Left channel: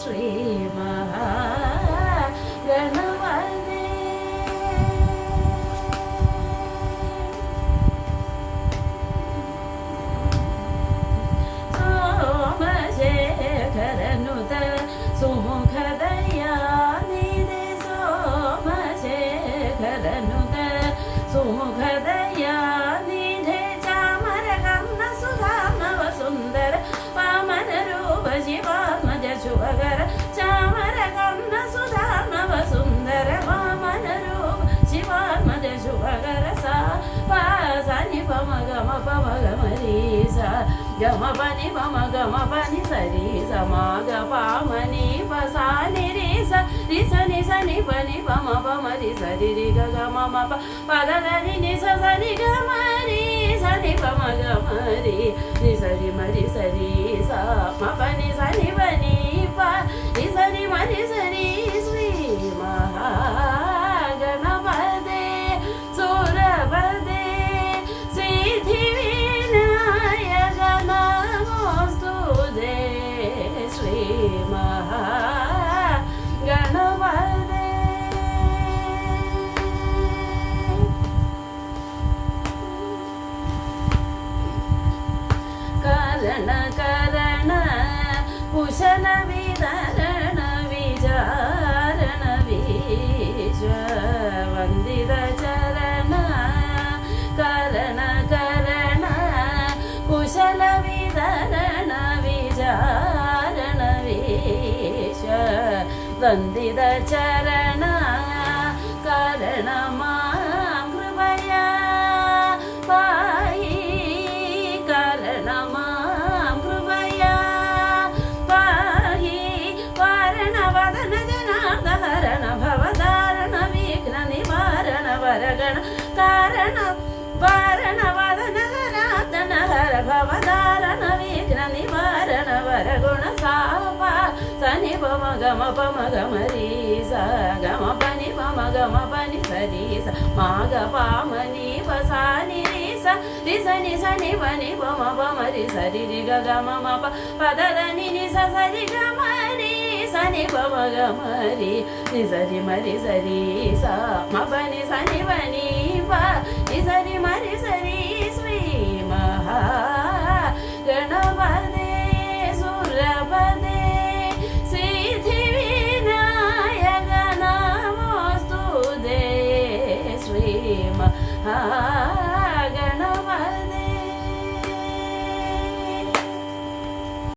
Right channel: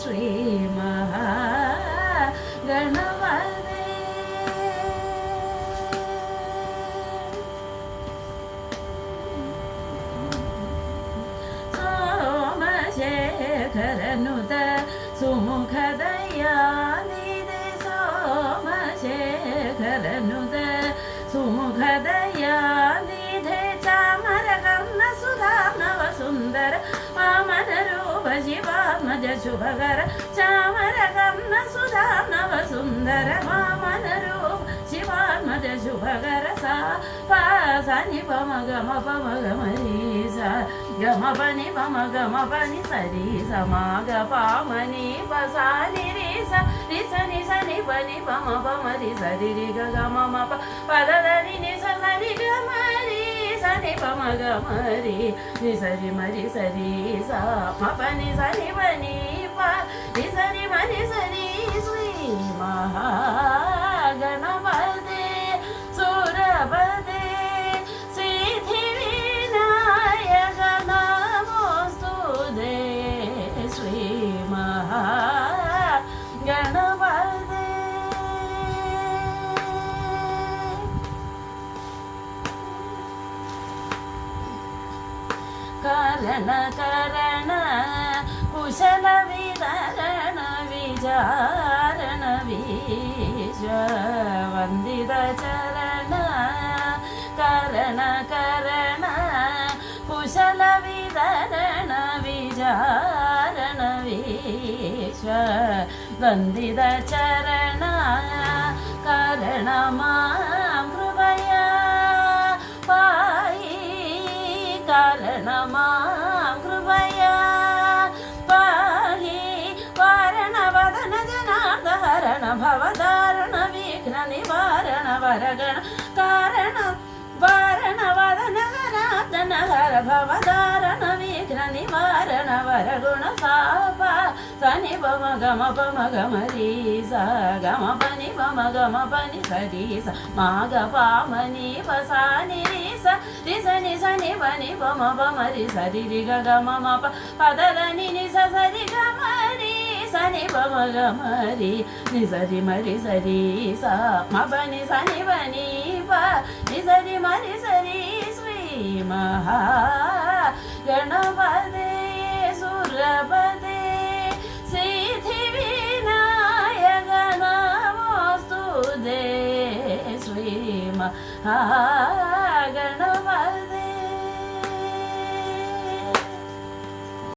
ശ്രീ മഹാഗണപതേ. സോമശേഖരനുത സുമുഖദയാനിധി സോമശേഖരനുത സുമുഖദയാനിധി ചാമരകർണ സുധാനവ സുന്ദര വാമനരൂപ ശിവാത്മജ ശുഭകര ചാമരകർണ സുധാനവ സുന്ദര വാമനരൂപ ശിവാത്മജ ശുഭകര സാ സനി പമ ഗമ രി സ ഗമ പനി പമ ഗമ പനി സരി സമാഗ പാമനി പസാനി രി സ രി സനി സനി പനി പമ രി സരി രി ഗ ഗമ മ പ പദ ധനി നി സ സനി ഗമ രി സനി പമ ഗമ രി നി സരി മരി സരി സ മ പനി സനി പനി പ രി സരി മരി സരി ശ്രീ മഹാഗണപതേ സുരപദേ സിദ്ധിവിനായക നമോസ്തുതേ ശ്രീ മഹാഗണപതേ. കരണ കരണ കുശല വിതരണ വിചാരണ വീശ വന്ദിത ചരണ കരണ കരണ കുശല വിതരണ വിചാരണ വീശ വന്ദിത ചരണ കരണമാം കൃപയാ പായി കരണമാം കൃപയാ പാഹി വാരണവദന ജനാർദഹരണ ഭവധാരണ വിഘ്ന നിവാരണ വരഗണ കാരണ വാരണവദന ജനാർദന ഹര ഭവധാരണ വിഘ്ന നിവാരണ വരഗുണ സാപ സനി പമ ഗമ രി സ ഗമ പനി പമ ഗമ പനി സരി സ മാഗ പാമനി പസാനി രി സ രി സനി സനി പനി പമ രി സരി രി ഗ ഗമ മ പ പദ ധനി നി സ സരി ഗമ രി സനി പമ ഗമ രി നി സരി മരി സരി സ മ പനി സനി പനി പ നി സരി മരി സരി ശ്രീ മഹാഗണപതേ സുരപദേ സിദ്ധിവിനായക നമോസ്തുതേ ശ്രീ മഹാഗണപതേ.